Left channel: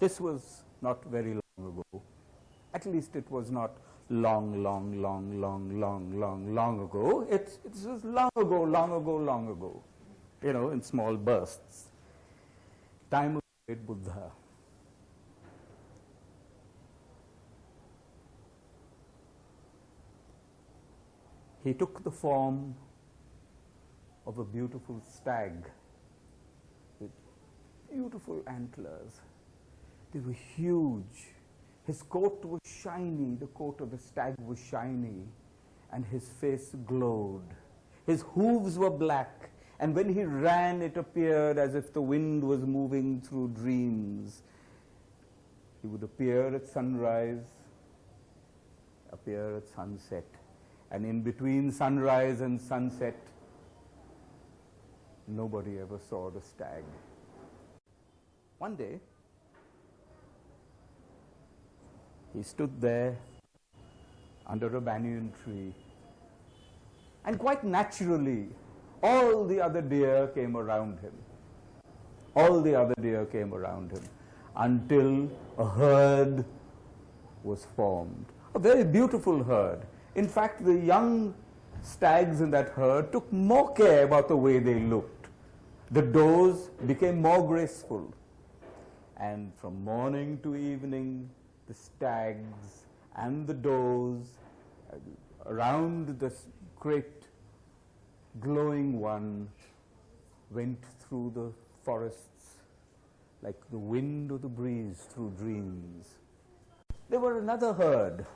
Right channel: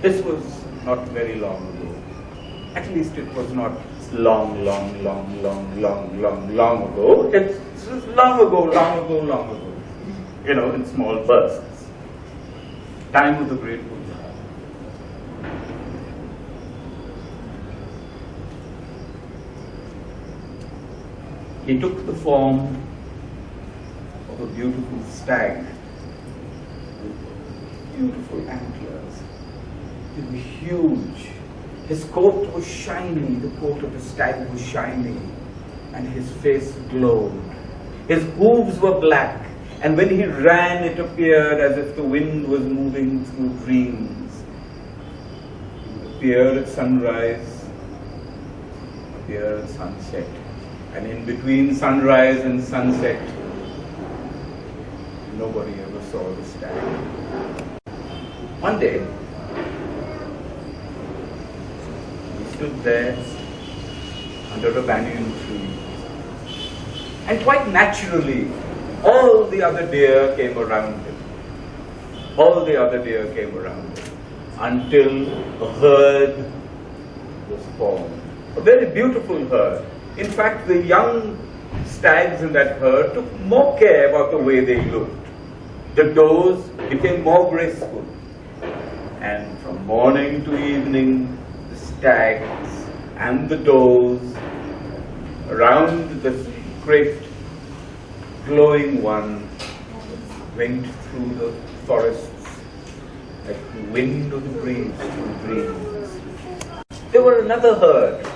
This was not very long ago. At least it was not long ago. It was long ago. You know, in small bursts. Time of the great Buddha. He took the form of a beautiful stag with beautiful antlers. They were huge. His coat was shiny, the coat of the stag was shiny, and his face glowed. His hooves were black, and when he ran, it appeared as if the wind was moving through dreams. He would appear at sunrise, appear at sunset, and in between sunrise and sunset, nobody ever saw the stag. One day, he stood there under a banyan tree, and quite naturally, all the other deer came around him. All the other deer came around him until a herd was formed. A very beautiful herd. In fact, the young stags in that herd took more care about the way they looked. The does became more graceful. And from morning to evening, the stags and the does around the great glowing one went through the forests like the wind of the breeze through dreams. There were another herd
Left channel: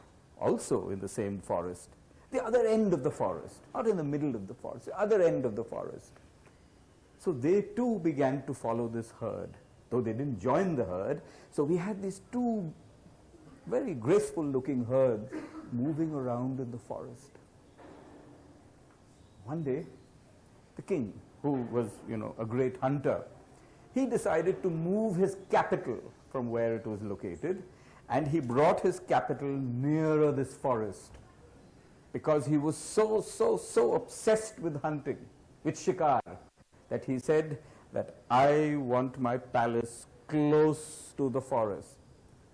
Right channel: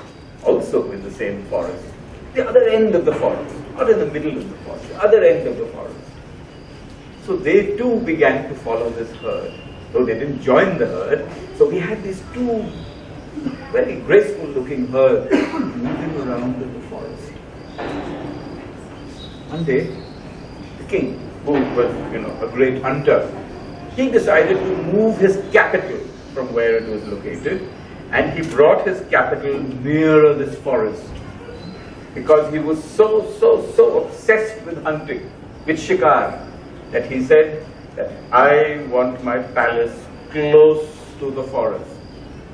also in the same forest, the other end of the forest, not in the middle of the forest, the other end of the forest. So they too began to follow this herd, though they didn't join the herd. So we had these two very graceful looking herds moving around in the forest. One day, the king, who was, a great hunter, he decided to move his capital from where it was located, and he brought his capital nearer this forest because he was so obsessed with hunting, with shikar, that he said that I want my palace close to the forest.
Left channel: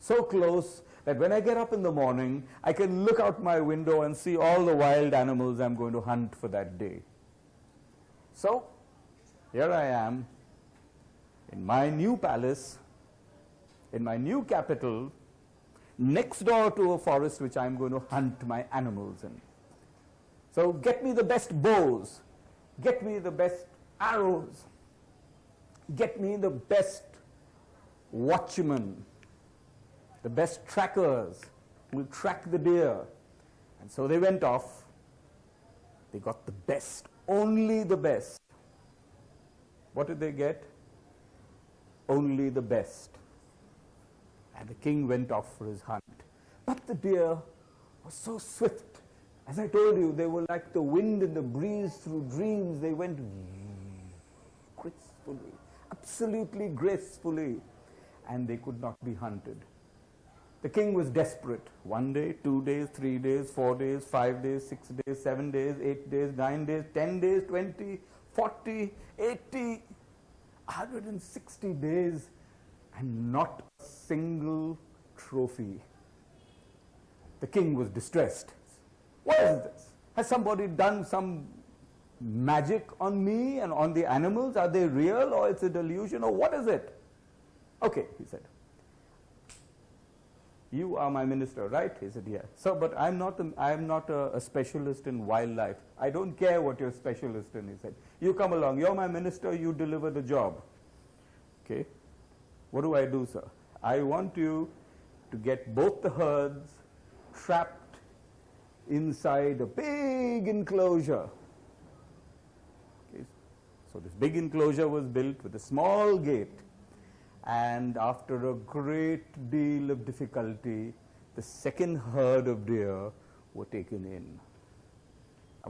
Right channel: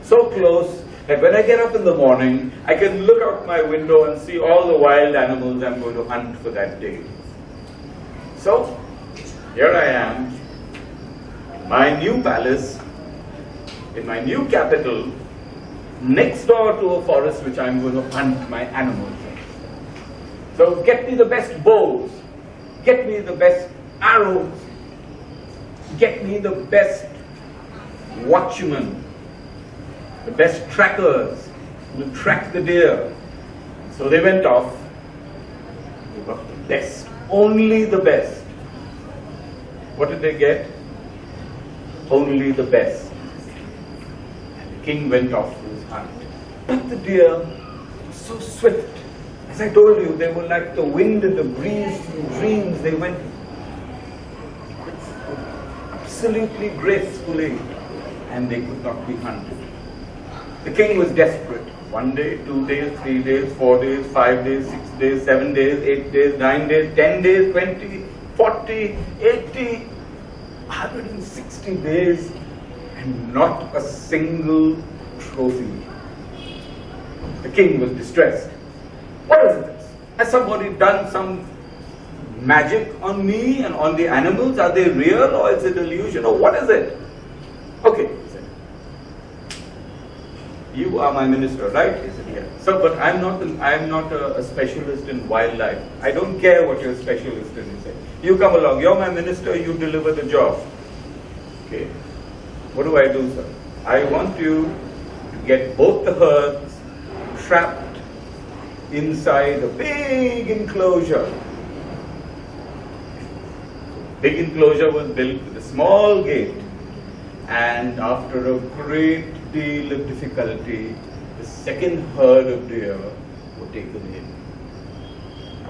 So close that when I get up in the morning, I can look out my window and see all the wild animals I'm going to hunt for that day. So, here I am, in my new palace, in my new capital, next door to a forest which I'm going to hunt my animals in. So get me the best bows, get me the best arrows, get me the best watchmen, the best trackers who will track the deer. So they went off, they got the best, only the best. What did they get? Only the best. And the king went off to his hunt. But the deer were so swift. As I told you, they were like the wind and the breeze through dreams. They went absolutely gracefully, and they could not be hunted. The king was desperate. 1 day, 2 days, 3 days, 4 days, 5 days, 6 days, 7 days, 8 days, 9 days, 10 days, 20, 40, 80, 160 days, and not a single trophy. The king was distressed. What is this? Has somebody done some magic on me and on the animals? Are they real or is it illusion or what is it? Okay, he said. You are my minister, right? He said, yes. So, but I'm not a specialist in wildlife. I don't care what you're a specialist in. He said, you come along. You're my minister. You deliver the job. Okay. What do I do, sir? I want you to get both the herds trapped inside a big enclosure. Big enclosure was built with a small gate, and after a great deal of difficulty, the second herd of deer were taken in.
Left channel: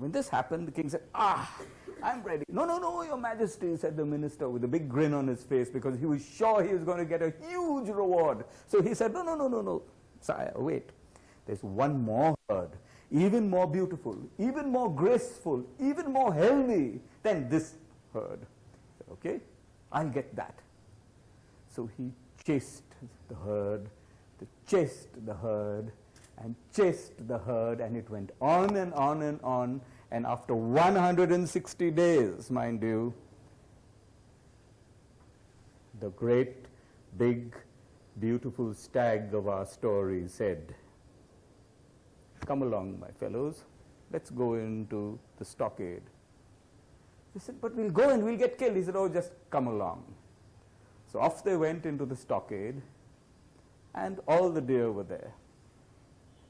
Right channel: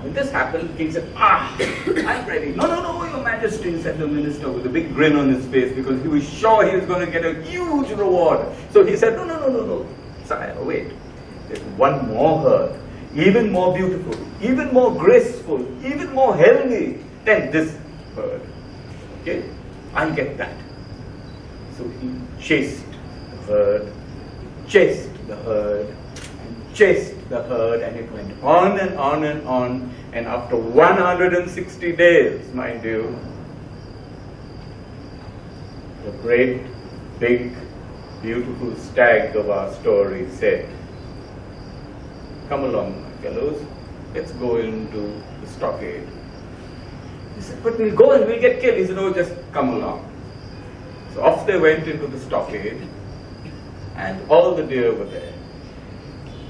When this happened, the king said, I'm ready. No, your majesty, said the minister with a big grin on his face, because he was sure he was going to get a huge reward. So he said, no, sire, wait. There's one more herd, even more beautiful, even more graceful, even more healthy than this herd. Okay? I'll get that. So he chased the herd, chased the herd, and chased the herd, and it went on and on and on, and after 160 days, mind you, the great, big, beautiful stag of our story said, come along, my fellows, let's go into the stockade. He said, but we'll go and we'll get killed. He said, no, just come along. So off they went into the stockade, and all the deer were there.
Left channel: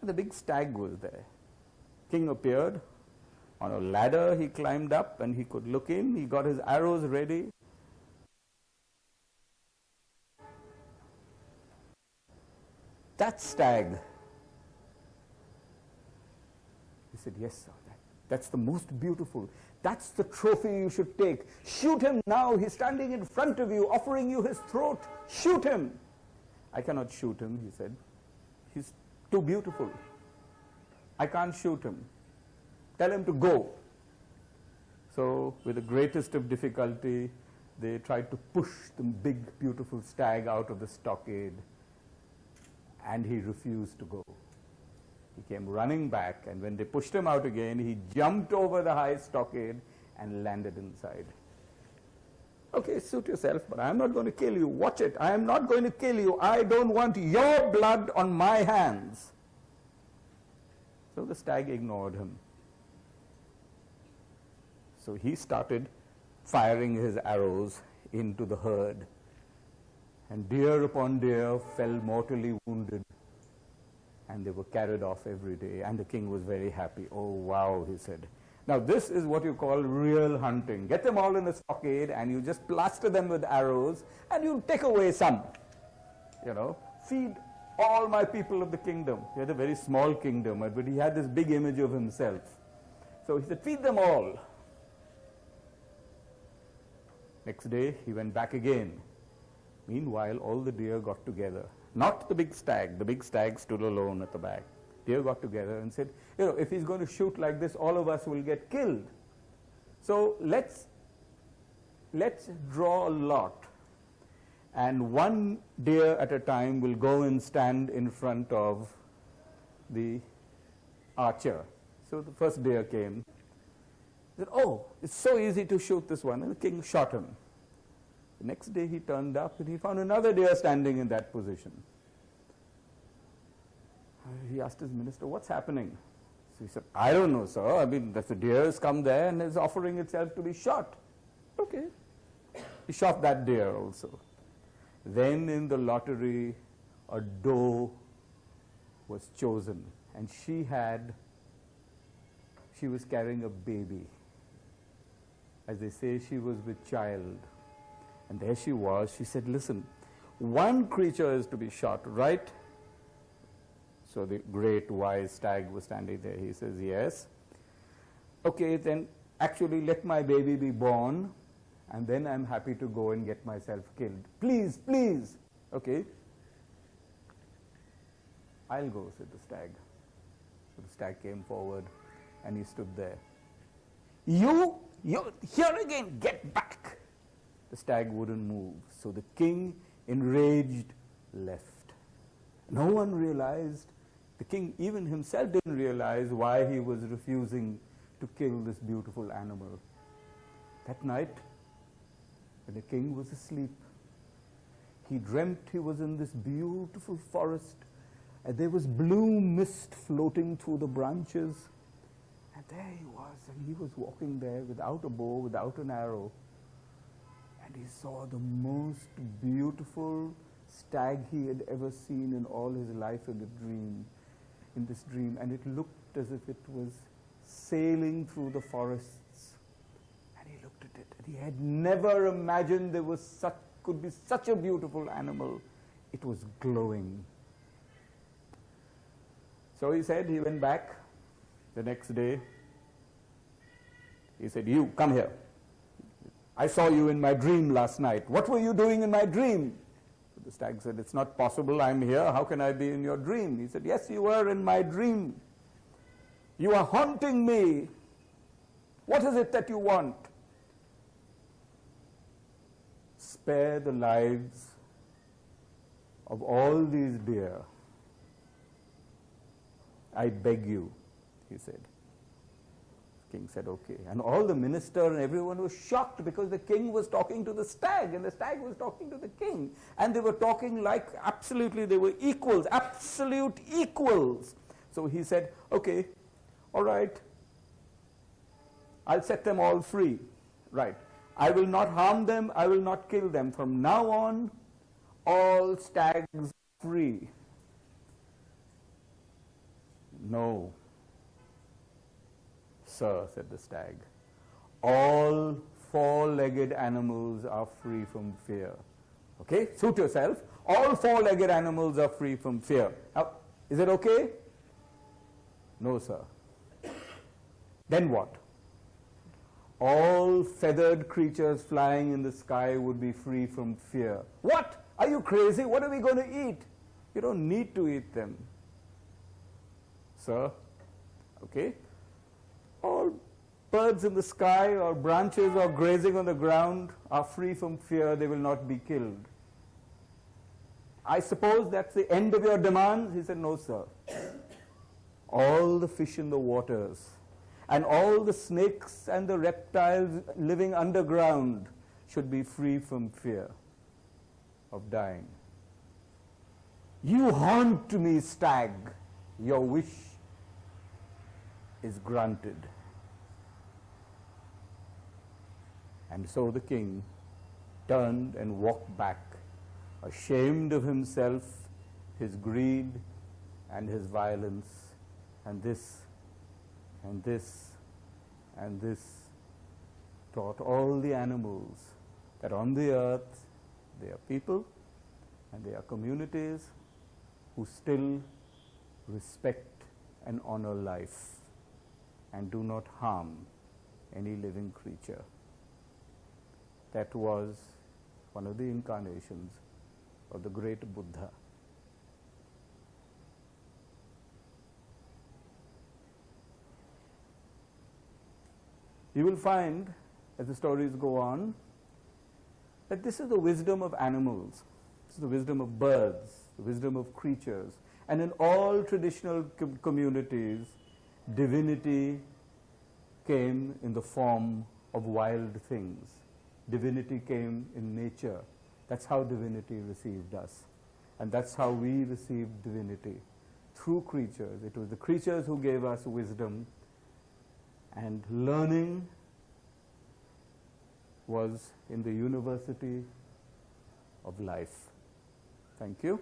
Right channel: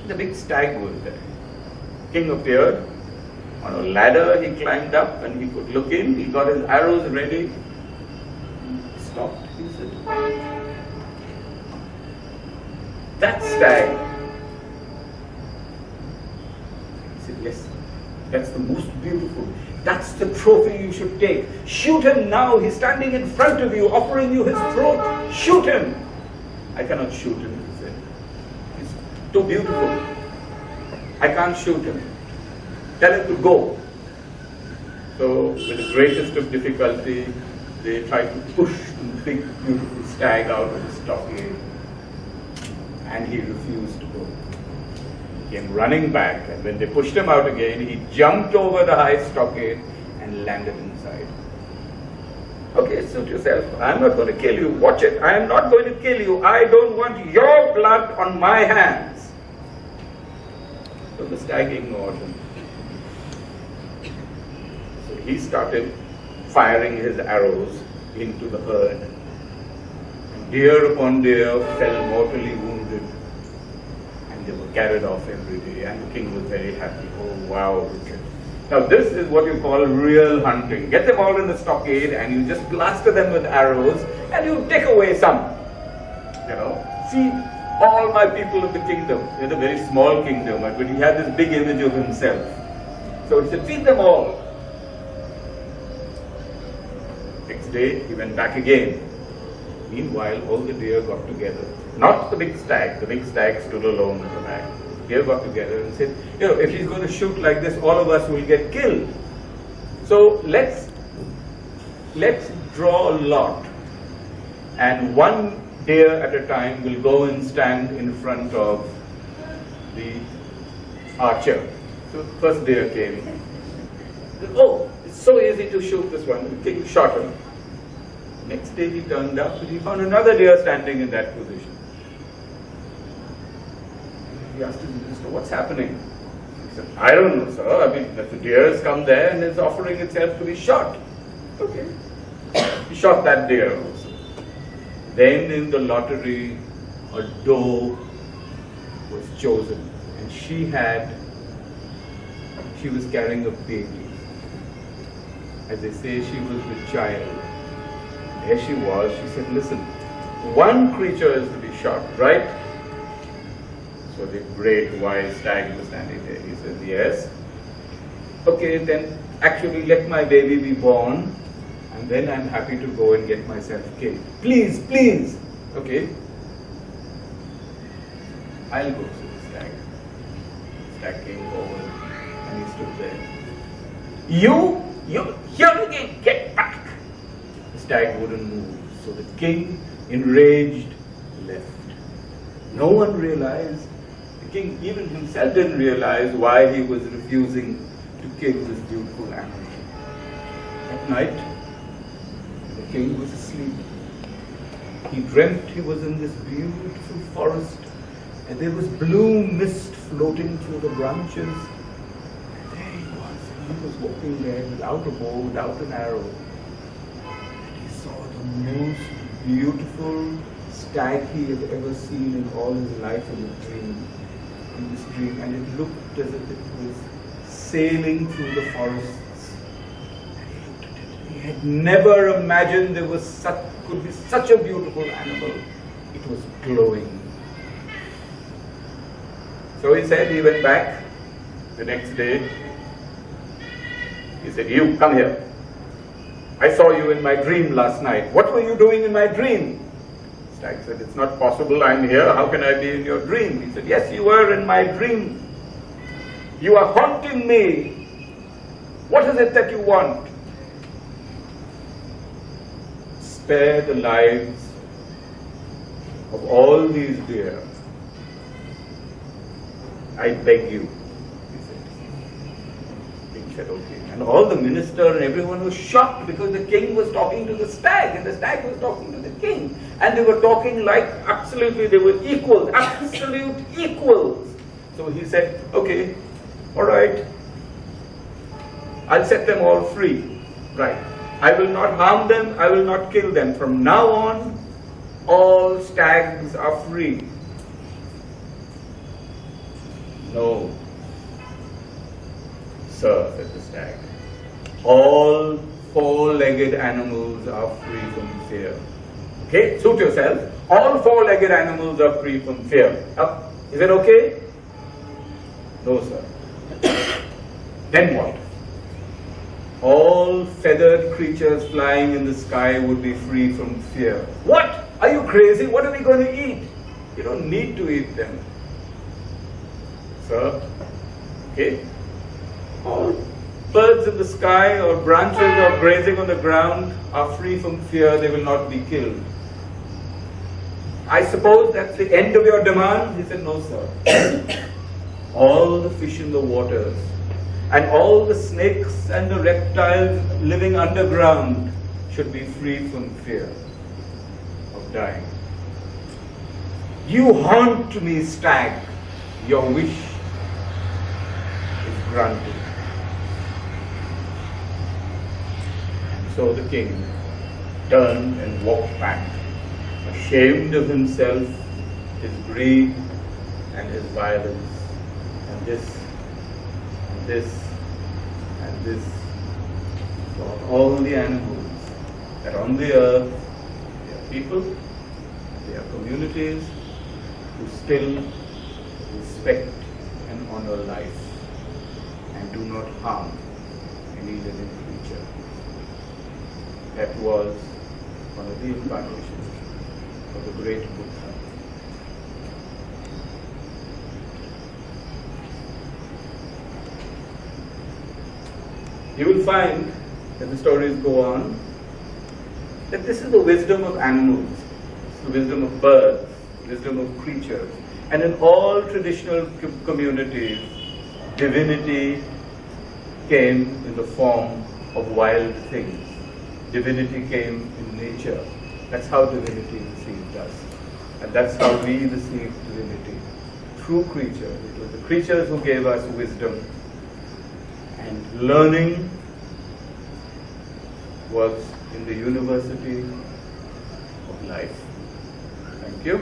The big stag was there. King appeared on a ladder. He climbed up and he could look in. He got his arrows ready. He stopped. He said, that stag. He said, yes, that's the most beautiful. That's the trophy you should take. Shoot him now. He's standing in front of you, offering you his throat. Shoot him. I cannot shoot him, he said. He's too beautiful. I can't shoot him. Tell him to go. So, with the greatest of difficulty, they tried to push the big, beautiful stag out of the stockade. And he refused to go. He came running back, and when they pushed him out again, he jumped over the high stockade and landed inside. Okay, suit yourself. I'm not going to kill you. Watch it. I am not going to kill you. I don't want your blood on my hands. So the stag ignored him. So he started firing his arrows into the herd. And deer upon deer fell mortally wounded. And they were carried off every day. And the king was very happy. Oh, wow, he said. Now this is what you call real hunting. Get them all in the stockade and you just plaster them with arrows and you take away some. You know, feed all my people of the kingdom. They're a very small kingdom, but he had this big image of himself. So he said, feed them all. Next day he went back again. Meanwhile, all the deer got together. Not the big stag. The big stag stood alone at the back. Deer got together and said, if he's going to shoot like this, all of us will get killed. So let's draw a lot. And one deer at a time will go and stand in front of the archer. So the first deer came. Oh, it's so easy to shoot this one. The king shot him. Next day he turned up and he found another deer standing in that position. He asked his minister, what's happening? He said, I don't know, sir. I mean, the deer has come there and is offering itself to be shot. Okay. He shot that deer also. Then in the lottery, a doe was chosen. And she was carrying a baby. As they say, she was the child. And there she was. She said, listen, one creature is to be shot, right? So the great wise stag was standing there. He says, yes. Okay, then actually let my baby be born, and then I'm happy to go and get myself killed. Please, please. Okay. I'll go, said the stag. The stag came forward and he stood there. You here again, get back. The stag wouldn't move. So the king, enraged, left. No one realized. The king even himself didn't realize why he was refusing to kill this beautiful animal. At night, the king was asleep. He dreamt he was in this beautiful forest and there was blue mist floating through the branches. And there he was walking there without a bow, without an arrow. And he saw the most beautiful stag he had ever seen in all his life in the dream. in this dream, and it looked as if it was sailing through the forests. He had never imagined there was could be such a beautiful animal. It was glowing. So he said, he went back the next day. He said, "You, come here. I saw you in my dream last night. What were you doing in my dream?" Stag said, "It's not possible. I'm here. How can I be in your dream?" He said, "Yes, you were in my dream. You are haunting me. What is it that you want?" "Spare the lives of all these deer. I beg you," he said. King said, "Okay." And all the minister and everyone was shocked because the king was talking to the stag and the stag was talking to the king. And they were talking like absolutely, they were equals, absolute equals. So he said, "Okay, all right, I'll set them all free. Right. I will not harm them, I will not kill them. From now on, all stags are free." "No, sir," said the stag. "All four-legged animals are free from fear." Okay, suit yourself. All four-legged animals are free from fear. Is that okay? "No, sir." "Then what?" "All feathered creatures flying in the sky would be free from fear." "What? Are you crazy? What are we going to eat?" "You don't need to eat them." "Sir, okay. All birds in the sky or branches or grazing on the ground are free from fear. They will not be killed." "I suppose that's the end of your demand?" He said, "No, sir. All the fish in the waters and all the snakes and the reptiles living underground should be free from fear of dying." "You haunt me, stag. Your wish is granted." And so the king turned and walked back, ashamed of himself, his greed and his violence, and this and this and this, for all the animals that on the earth, they are people, they are communities who still respect and honor life and do not harm any living creature. That was one of the incarnations of the great Buddha. You will find, as the stories go on, that this is the wisdom of animals, it's the wisdom of birds, the wisdom of creatures. And in all traditional communities, divinity came in the form of wild things. Divinity came in nature. That's how divinity received us. And that's how we received divinity, through creatures. It was the creatures who gave us wisdom. And learning was in the university of life. Thank you.